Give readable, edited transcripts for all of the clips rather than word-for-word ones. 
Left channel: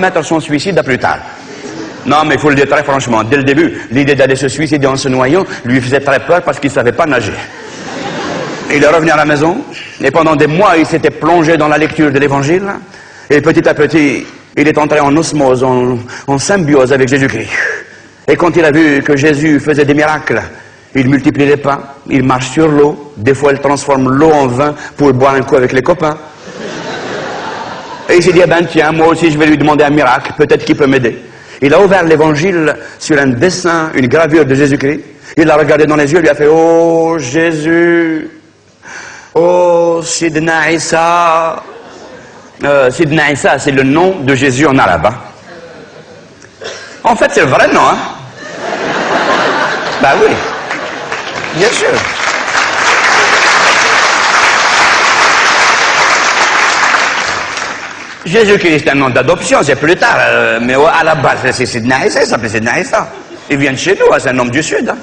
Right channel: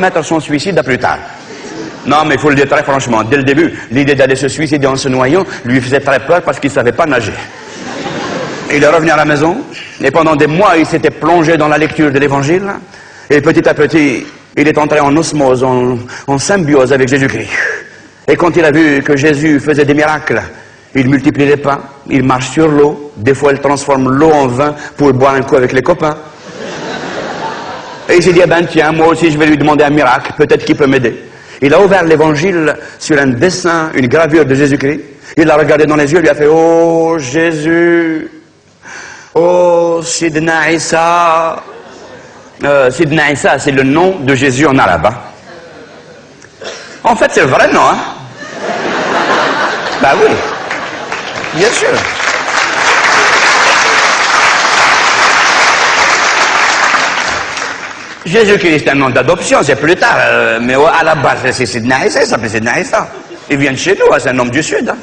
mettre son suicide à plus tard. Non, mais il faut le dire très franchement, dès le début, l'idée d'aller se suicider en se noyant lui faisait très peur parce qu'il ne savait pas nager. Il est revenu à la maison, et pendant des mois, il s'était plongé dans la lecture de l'Évangile, et petit à petit, il est entré en osmose, en symbiose avec Jésus-Christ. Et quand il a vu que Jésus faisait des miracles, il multiplie les pains, il marche sur l'eau, des fois il transforme l'eau en vin pour boire un coup avec les copains. Et il s'est dit, eh ben tiens, moi aussi je vais lui demander un miracle, peut-être qu'il peut m'aider. Il a ouvert l'Évangile sur un dessin, une gravure de Jésus-Christ. Il l'a regardé dans les yeux, il lui a fait, oh Jésus, oh Sidna Issa. Sidna Issa, c'est le nom de Jésus en arabe. Hein? En fait, c'est le vrai nom. Hein? Ben oui, bien sûr. Jésus-Christ est un nom d'adoption, c'est plus tard, mais à la base, c'est Sidna Issa, il s'appelait Sidna Issa. Il vient de chez nous, c'est un homme du Sud. Hein.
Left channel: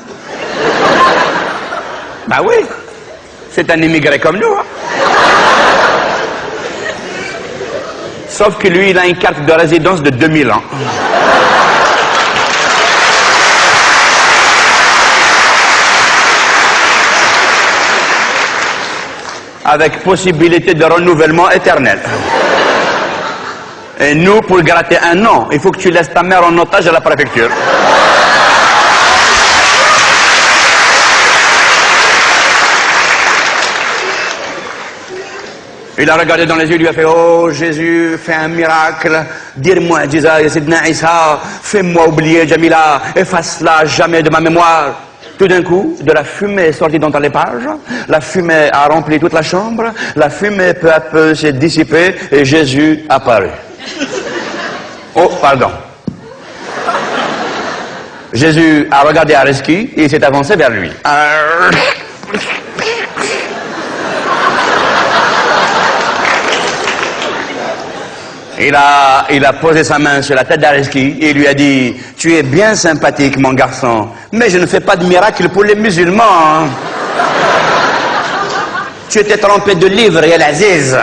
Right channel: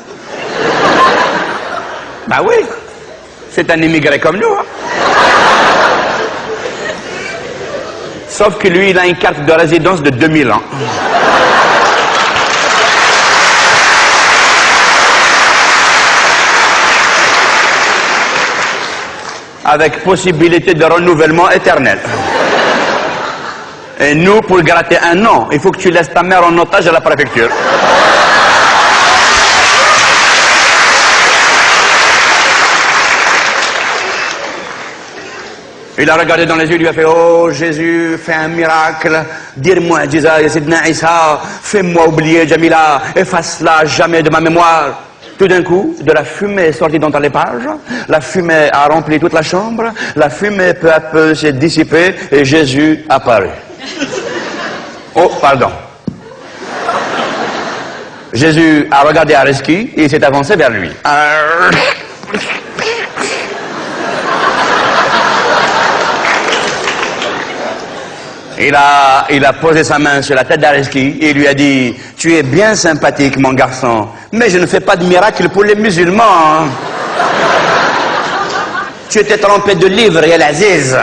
Ben oui, c'est un immigré comme nous. Hein. Sauf que lui, il a une carte de résidence de 2000 ans. Avec possibilité de renouvellement éternel. Et nous, pour gratter un an, il faut que tu laisses ta mère en otage à la préfecture. Voilà. Il a regardé dans les yeux, il lui a fait, oh Jésus, fais un miracle, dire-moi, Sidna Issa, fais-moi oublier Jamila, efface-la jamais de ma mémoire. Tout d'un coup, de la fumée est sortie dans les pages, la fumée a rempli toute la chambre, la fumée peu à peu s'est dissipée et Jésus apparut. Oh, pardon. Jésus a regardé Arezki et il s'est avancé vers lui. Il a posé sa main sur la tête d'Arezki et il lui a dit, tu es bien sympathique, mon garçon, mais je ne fais pas de miracle pour les musulmans. Hein. Tu étais trompé de livres et l'Aziz.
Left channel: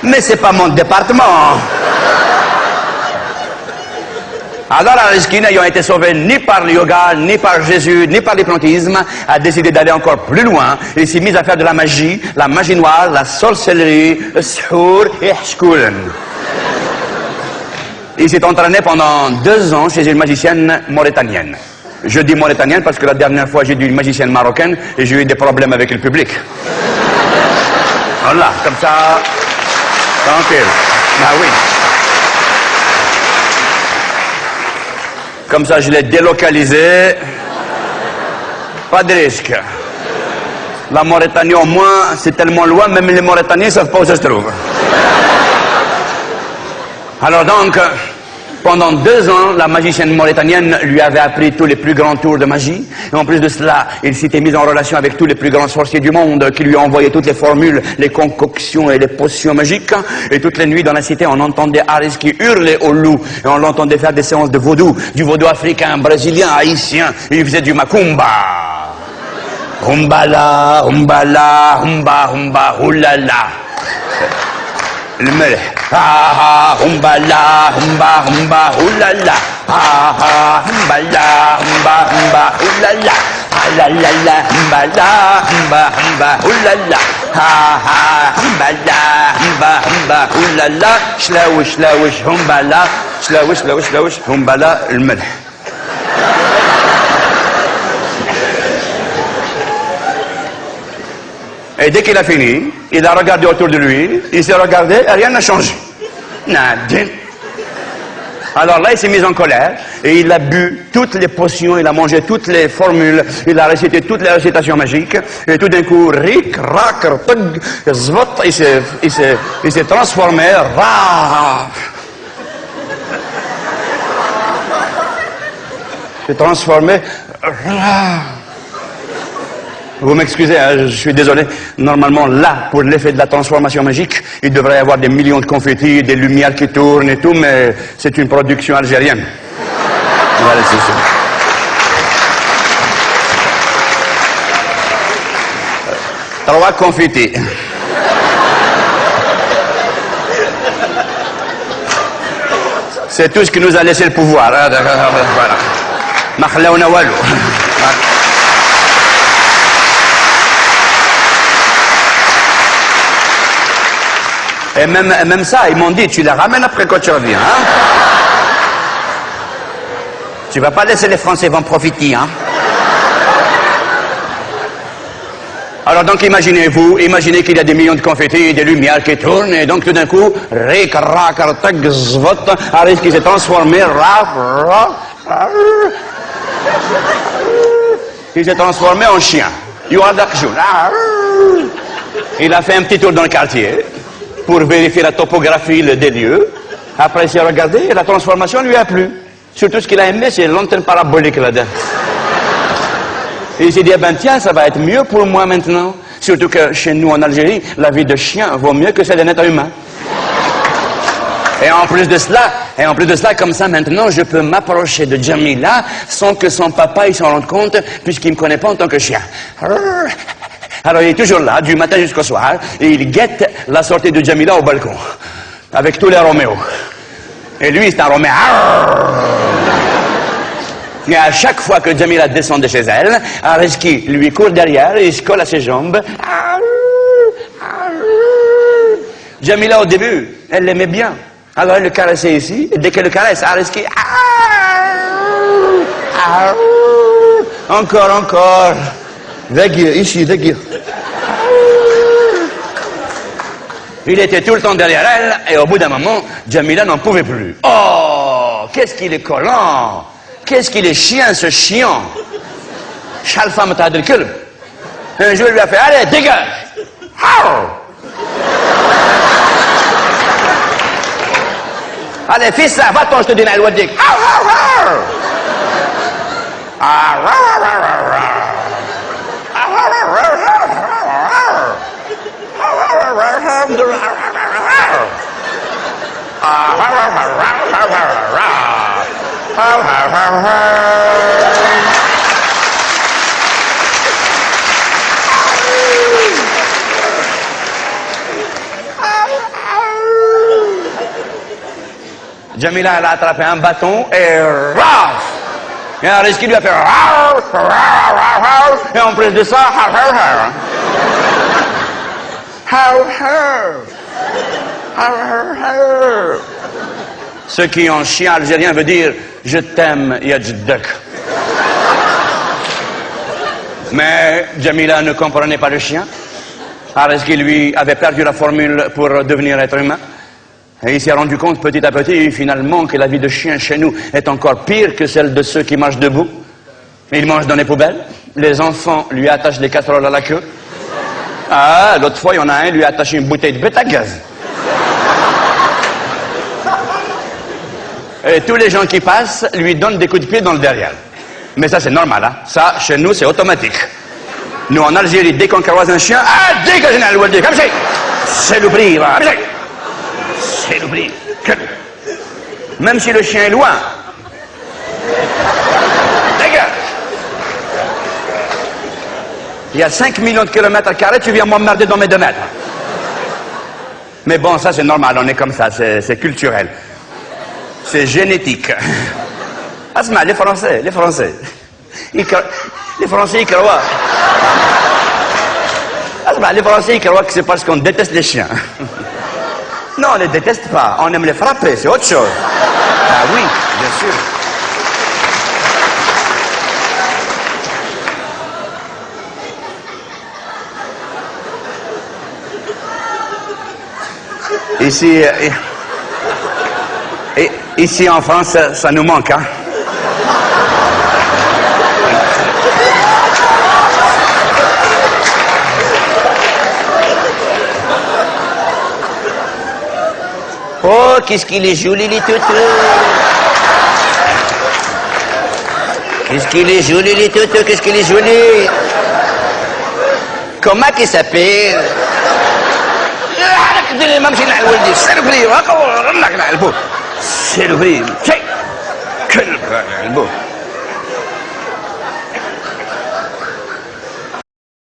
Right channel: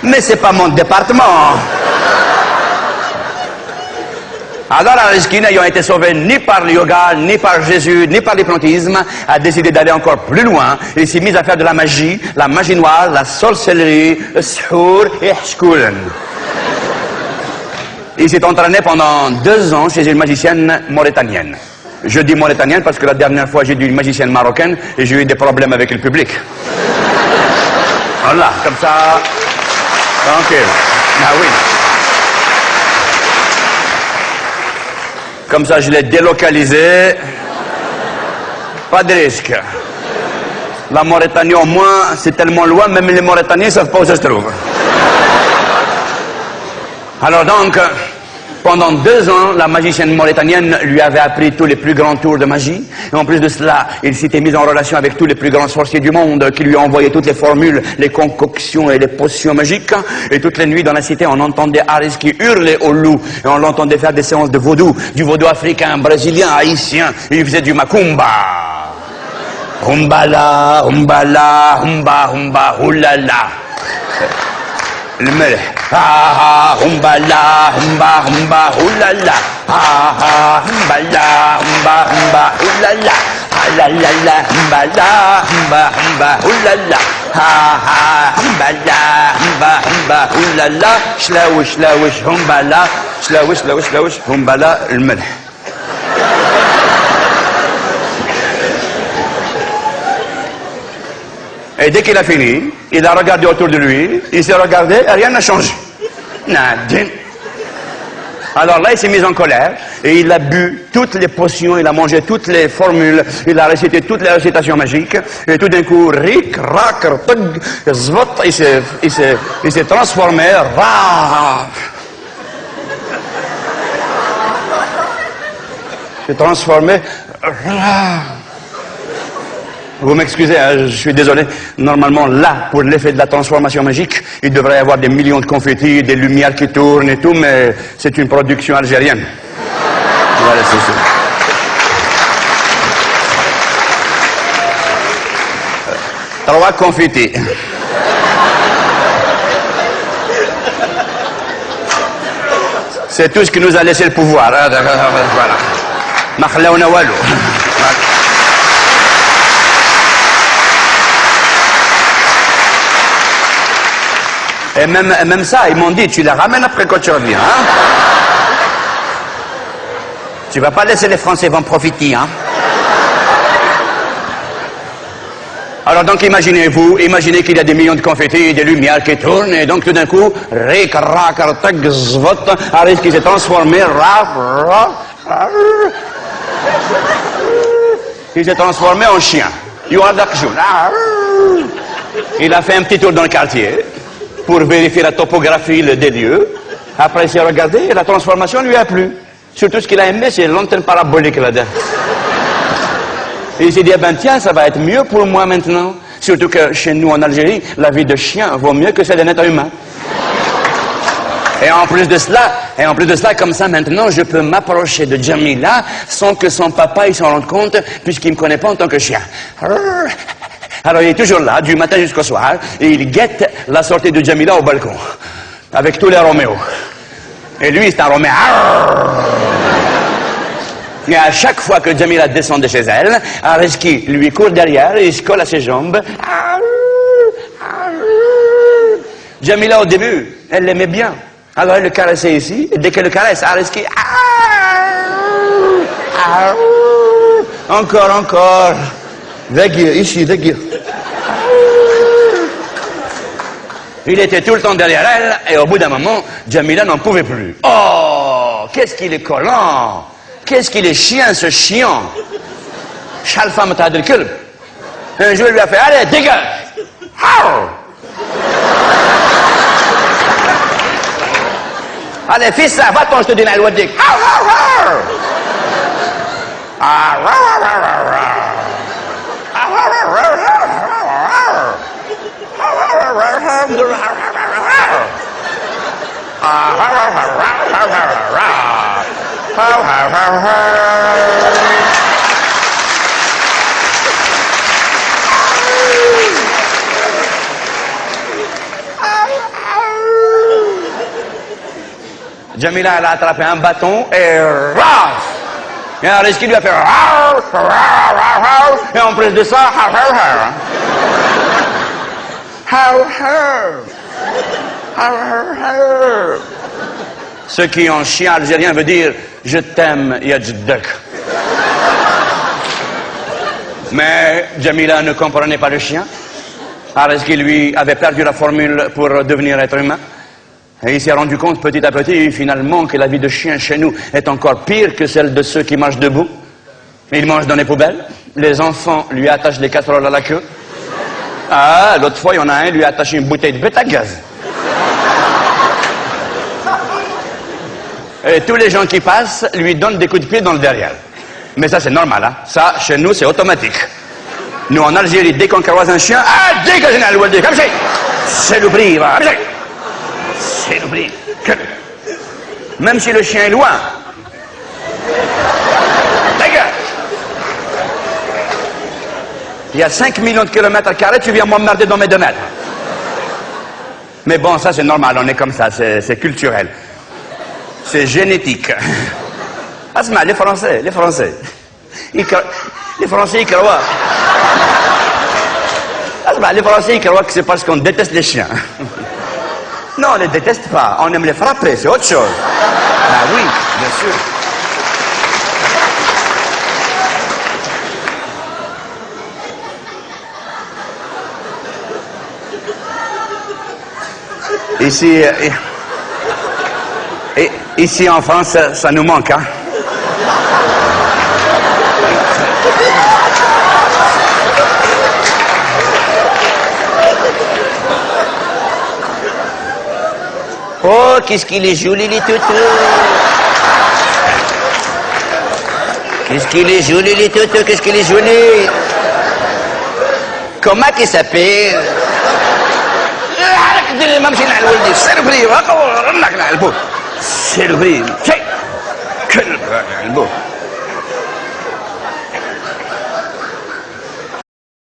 Mais c'est pas mon département. Alors Arezki, n'ayant été sauvé ni par le yoga, ni par Jésus, ni par l'hypnotisme, a décidé d'aller encore plus loin. Il s'est mis à faire de la magie noire, la sorcellerie, le shour et shkoulen. Il s'est entraîné pendant 2 ans chez une magicienne mauritanienne. Je dis mauritanienne parce que la dernière fois j'ai dit une magicienne marocaine et j'ai eu des problèmes avec le public. Voilà, comme ça, tranquille. Ah oui. Comme ça, je l'ai délocalisé. Pas de risque. La Mauritanie, au moins, c'est tellement loin, même les Mauritaniens ne savent pas où ça se trouve. Alors donc, pendant 2 ans, la magicienne mauritanienne lui avait appris tous les plus grands tours de magie. Et en plus de cela, il s'était mis en relation avec tous les plus grands sorciers du monde qui lui envoyaient toutes les formules, les concoctions et les potions magiques. Et toutes les nuits dans la cité, on entendait Arezki hurler au loup. Et on l'entendait faire des séances de vaudou, du vaudou africain, brésilien, haïtien. Il faisait du macumba. Humbala, humbala, humba, humba, hulala. Le melek. Ha ha, humbala, humba, humba, hulala. Ha ha, humbala, humba, humba, hulala. Ha la la la, humbala, humba, humba, hulala. Ha ha, humbala, humba, humba, hulala. Shlawish, shlawish, humbala. Shlawish, shlawish, shlawish, humbala, le melek. Et dès qu'il a fini, il a regardé autour de lui, il s'est regardé et rien n'a changé. Nadine. Alors là, il s'est mis en colère et il a bu toutes les potions, il a mangé toutes les formules, il a récité toutes les récitations magiques et tout d'un coup, rik, rak, tug, zvot, il s'est transformé, ra. Il s'est transformé, ra. Vous m'excusez, hein, je suis désolé. Normalement, là, pour l'effet de la transformation magique, il devrait y avoir des millions de confettis, des lumières qui tournent et tout, mais c'est une production algérienne. Voilà, c'est ça. 3 confettis. C'est tout ce qui nous a laissé le pouvoir. Hein, voilà. Ma khalaouna walou. Voilà. Et même ça, ils m'ont dit, tu la ramènes après quand tu reviens. Hein? Tu vas pas laisser les Français en profiter. Hein? Alors donc imaginez qu'il y a des millions de confettis, des lumières qui tournent, et donc tout d'un coup, Aris qui s'est transformé, il s'est transformé en chien. Il a fait un petit tour dans le quartier pour vérifier la topographie des lieux. Après il s'est regardé et la transformation lui a plu. Surtout ce qu'il a aimé, c'est l'antenne parabolique là-dedans. Et il s'est dit, eh ben tiens, ça va être mieux pour moi maintenant. Surtout que chez nous en Algérie, la vie de chien vaut mieux que celle d'un être humain. Et en plus de cela, comme ça maintenant, je peux m'approcher de Jamila sans que son papa il s'en rende compte, puisqu'il ne me connaît pas en tant que chien. Alors il est toujours là, du matin jusqu'au soir, et il guette la sortie de Jamila au balcon, avec tous les Roméos. Et lui, c'est un Roméo. Et à chaque fois que Jamila descend de chez elle, Areski lui court derrière et il se colle à ses jambes. Jamila, au début, elle l'aimait bien. Alors elle le caressait ici, et dès qu'elle le caresse, Areski... Encore. Dagir, ici, dagir. Il était tout le temps derrière elle, et au bout d'un moment, Jamila n'en pouvait plus. Oh, qu'est-ce qu'il est collant! Qu'est-ce qu'il est chien, ce chiant! Chalfam Tadel Kulb. Un jour, il lui a fait, allez, dégage! Allez, fils, là, va-t'en, je te dis, la loi de Dick. Jamila, elle a attrapé un bâton et raf! Et Areski lui a fait et en plus de ça, ce qui en chien algérien veut dire je t'aime, Yadjdek. Mais Jamila ne comprenait pas le chien. Areski lui avait perdu la formule pour devenir être humain. Et il s'est rendu compte petit à petit, finalement, que la vie de chien chez nous est encore pire que celle de ceux qui marchent debout. Ils mangent dans les poubelles. Les enfants lui attachent des casseroles à la queue. Ah, l'autre fois, il y en a un, lui a attaché une bouteille de bêta gaz. Et tous les gens qui passent lui donnent des coups de pied dans le derrière. Mais ça, c'est normal, hein. Ça, chez nous, c'est automatique. Nous, en Algérie, dès qu'on croise un chien, ah, dégagez la loi de comme c'est le prix, va, c'est le prix. Même si le chien est loin. Dégage. Il y a 5 millions de kilomètres carrés, tu viens m'emmerder dans mes 2 mètres. Mais bon, ça c'est normal, on est comme ça, c'est culturel. C'est génétique. Asma, les Français. Les Français, ils croient. Asma, les Français, ils croient que c'est parce qu'on déteste les chiens. Non, on ne les déteste pas, on aime les frapper, c'est autre chose. Ben oui, bien sûr. Ici en France, ça nous manque, hein. Oh, qu'est-ce qu'il est joli, les toutous. Qu'est-ce qu'il est joli, les toutous, qu'est-ce qu'il est joli. Comment qu'il s'appelle? C'est le prix.